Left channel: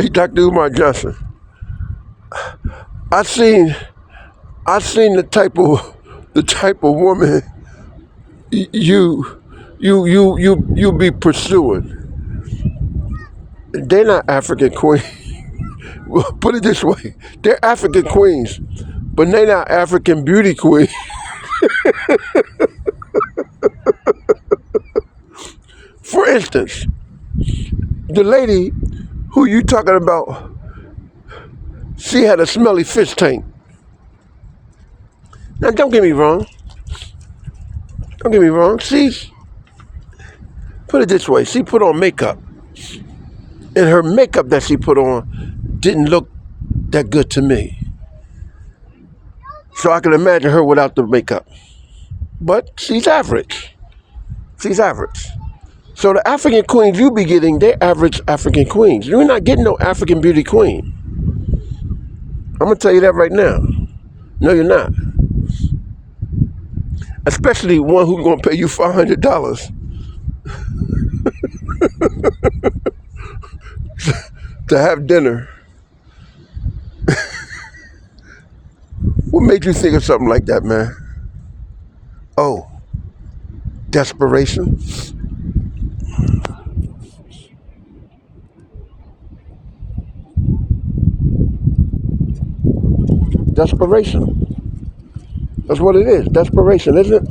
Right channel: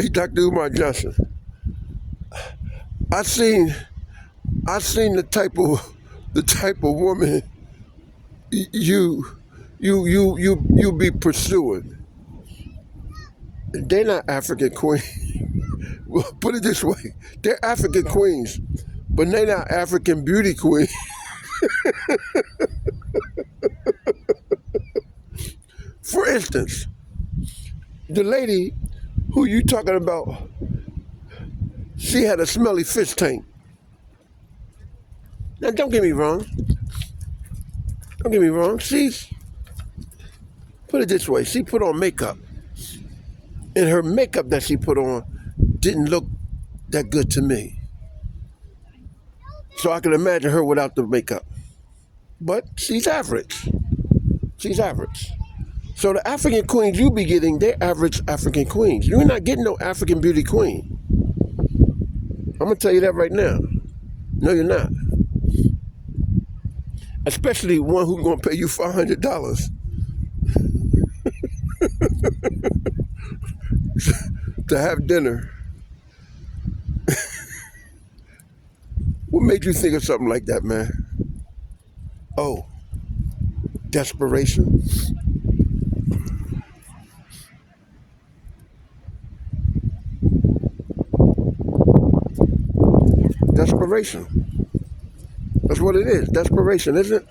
Hey, Dr. Umar Johnson. I seen the type of woman you be pursuing. They're not African queens. Well, put it this way, they're African queens, but they're not African beauty queens. For instance, the lady who you talking about, she had a smelly fish tank. Now don't get me wrong. Don't get me wrong. Put it this way, she put on makeup. And her makeup that she put on didn't look that good to me. So I can imagine her without the makeup. But she's average. She's average. So the African queens you be getting, they're average African queens. You're not getting no African beauty queen. I'm gonna tell you that right now. No, you're not. Especially one who's gonna pay you $500 to have dinner. What made you think of something like that, man? Oh, desperation? Desperation. That's what it is. Desperation, isn't it?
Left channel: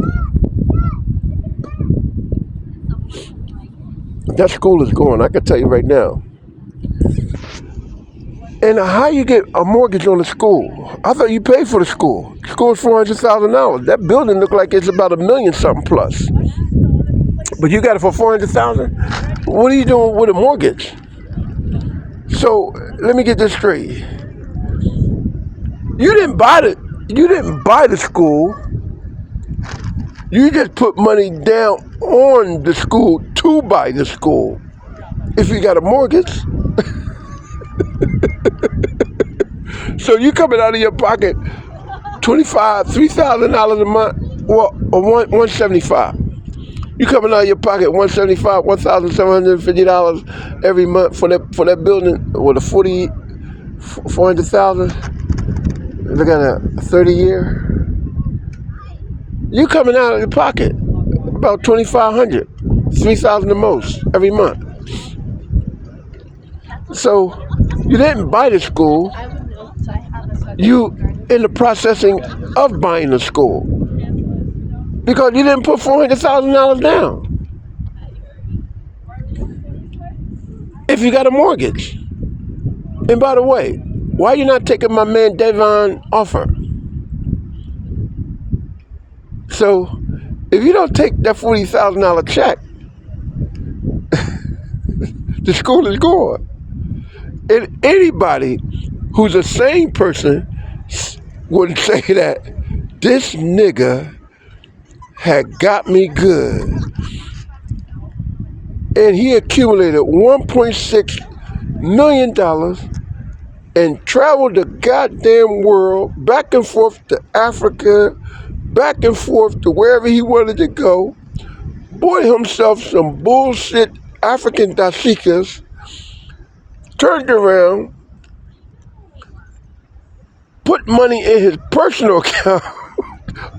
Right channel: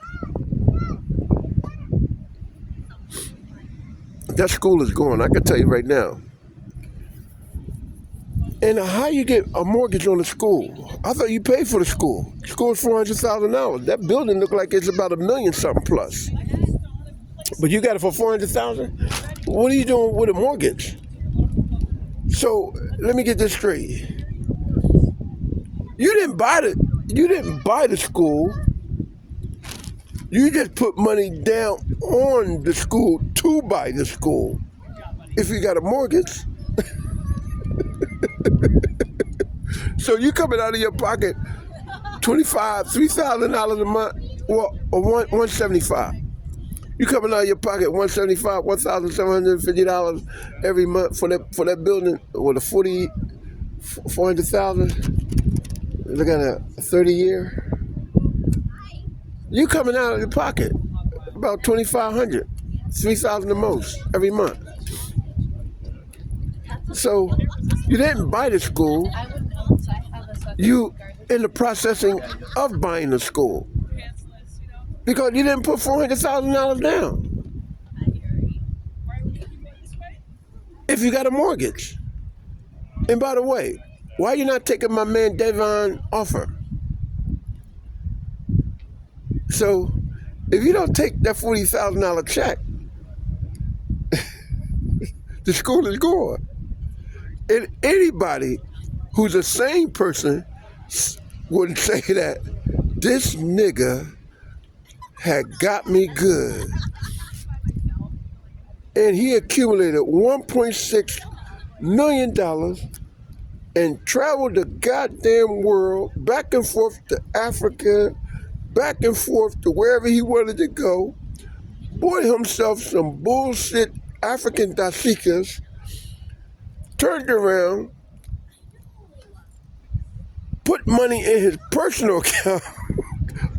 That school is going, I can tell you right now. And how you get a mortgage on the school? I thought you paid for the school. The school's $400,000. That building looked like it's about $1 million something plus. But you got it for $400,000? What are you doing with a mortgage? So let me get this straight. You didn't buy the school. You just put money down on the school to buy the school. If you got a mortgage. So you coming out of your pocket $3,000 a month, or $175. You coming out of your pocket $175, $1,750 every month for that building with a 400,000. Look at a 30-year. You coming out of your pocket about $2,500, $3,000 the most every month. So you didn't buy the school. You in the processing of buying the school because you didn't put $400,000 down. If you got a mortgage. And by the way, why are you not taking my man Devon offer? So if you don't take that $40,000 check, the school is gone. And anybody who's a sane person would say that this nigga had got me good. And he accumulated $1.6 million and traveled the goddamn world, back and forth to Africa, back and forth to wherever he wanted to go, bought himself some bullshit African dasikas, turned around, put money in his personal account,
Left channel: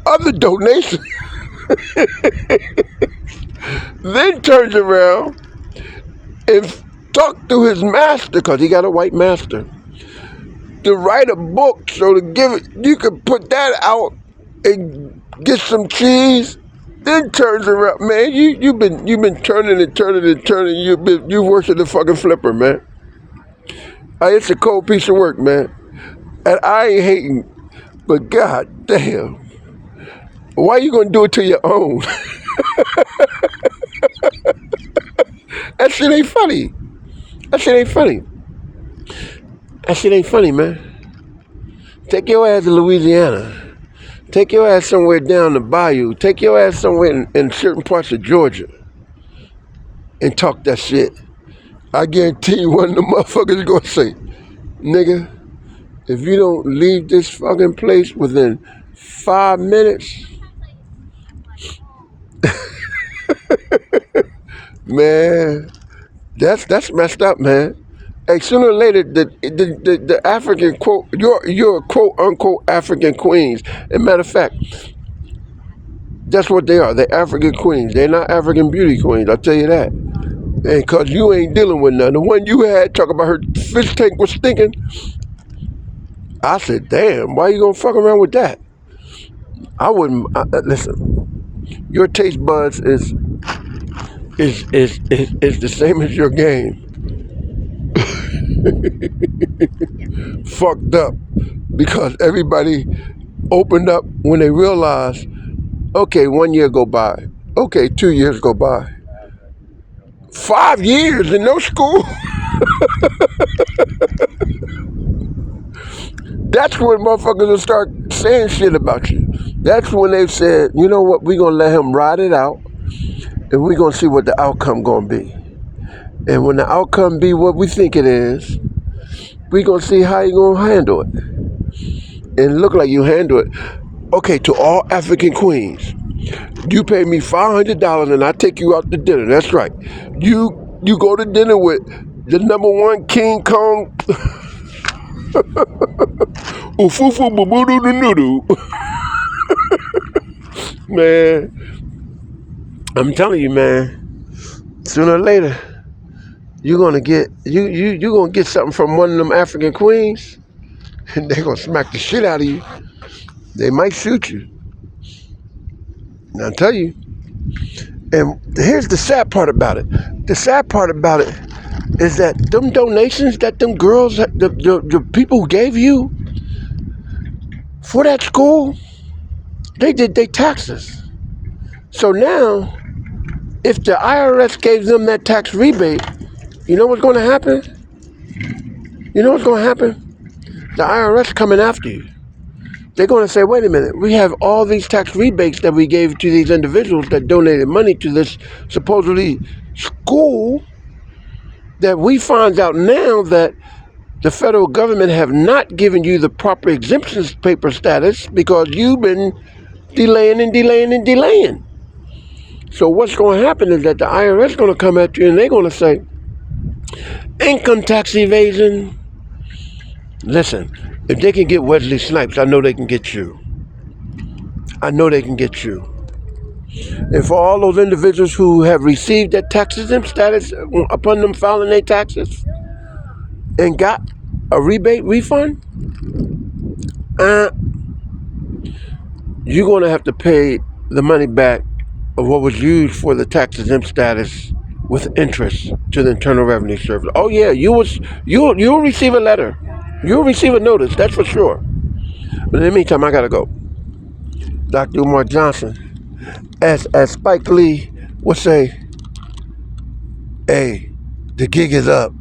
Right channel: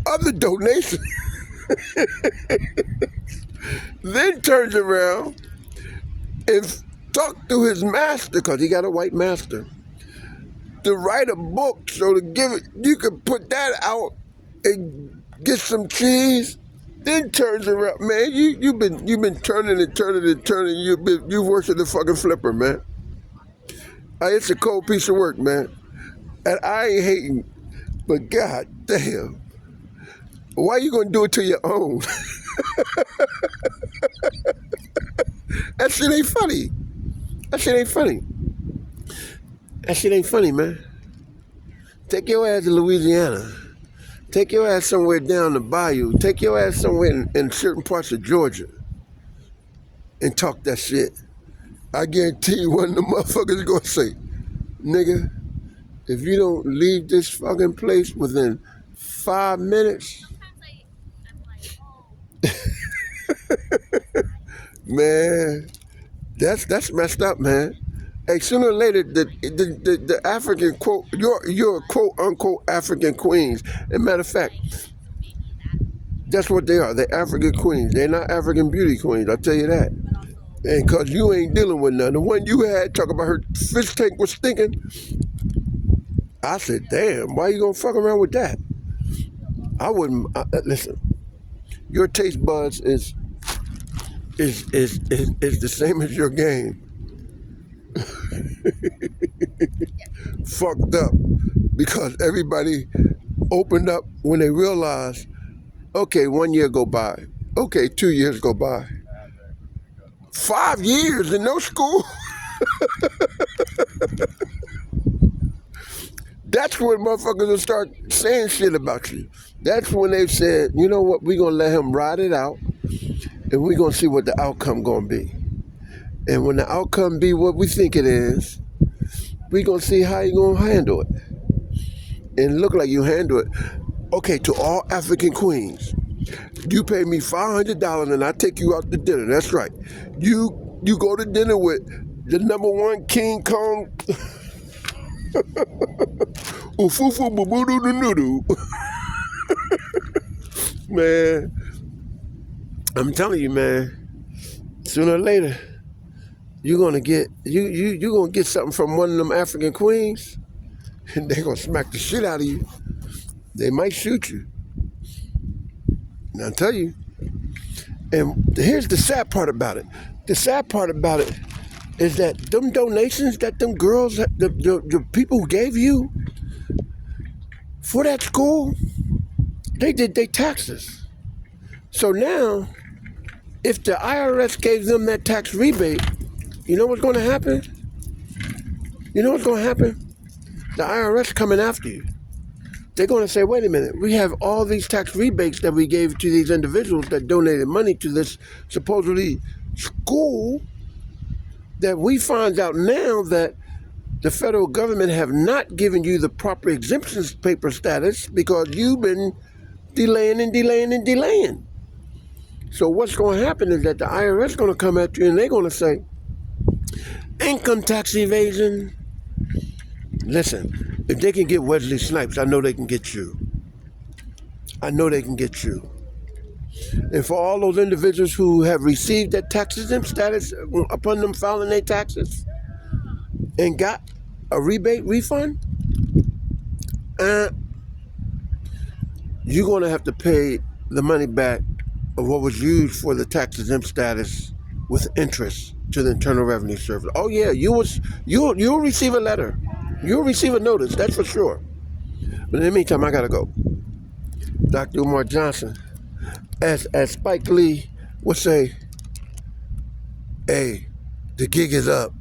other donations, then turns around and talked to his master, because he got a white master, to write a book so to give it, you could put that out and get some cheese, then turns around. Man, you've been turning and turning and turning. You worse than the fucking flipper, man. It's a cold piece of work, man. And I ain't hating, but god damn, why you gonna do it to your own? That shit ain't funny. That shit ain't funny. That shit ain't funny, man. Take your ass to Louisiana. Take your ass somewhere down the bayou. Take your ass somewhere in certain parts of Georgia and talk that shit. I guarantee you one of the motherfuckers is gonna say, nigga, if you don't leave this fucking place within 5 minutes, man, that's messed up, man. Hey, sooner or later, the African quote, your quote unquote African queens. And matter of fact, that's what they are. They're African queens. They're not African beauty queens. I'll tell you that. And cause you ain't dealing with none. The one you had talk about her fish tank was stinking. I said, damn, why you gonna fuck around with that? I wouldn't. Listen, your taste buds is the same as your game. Fucked up because everybody opened up when they realized, okay, 1 year go by, okay, 2 years go by, 5 years in no school. That's when motherfuckers will start saying shit about you. That's when they've said, you know what, we're gonna let him ride it out and we're gonna see what the outcome gonna be. And when the outcome be what we think it is, we're gonna see how you gonna handle it. And look like you handle it. Okay, to all African queens, you pay me $500 and I take you out to dinner. That's right. You go to dinner with the #1 King Kong Ufufu Bubudu Nudu. Man, I'm telling you, man, sooner or later, you're gonna get something from one of them African queens, and they're gonna smack the shit out of you. They might shoot you. And I'll tell you. And here's the sad part about it. The sad part about it is that them donations that them girls, the people who gave you for that school, they did their taxes. So now, if the IRS gave them that tax rebate, you know what's going to happen? You know what's going to happen? The IRS coming after you. They're going to say, wait a minute, we have all these tax rebates that we gave to these individuals that donated money to this supposedly school, that we find out now that the federal government have not given you the proper exemption paper status because you've been delaying and delaying and delaying. So what's going to happen is that the IRS is going to come at you and they're going to say, income tax evasion. Listen, if they can get Wesley Snipes, I know they can get you. I know they can get you. And for all those individuals who have received that tax exempt status upon them filing their taxes and got a rebate refund, you're going to have to pay the money back of what was used for the tax exempt status with interest to the Internal Revenue Service. Oh yeah, you'll receive a letter. You'll receive a notice, that's for sure. But in the meantime, I gotta go. Dr. Umar Johnson, as Spike Lee would say, hey, the gig is up.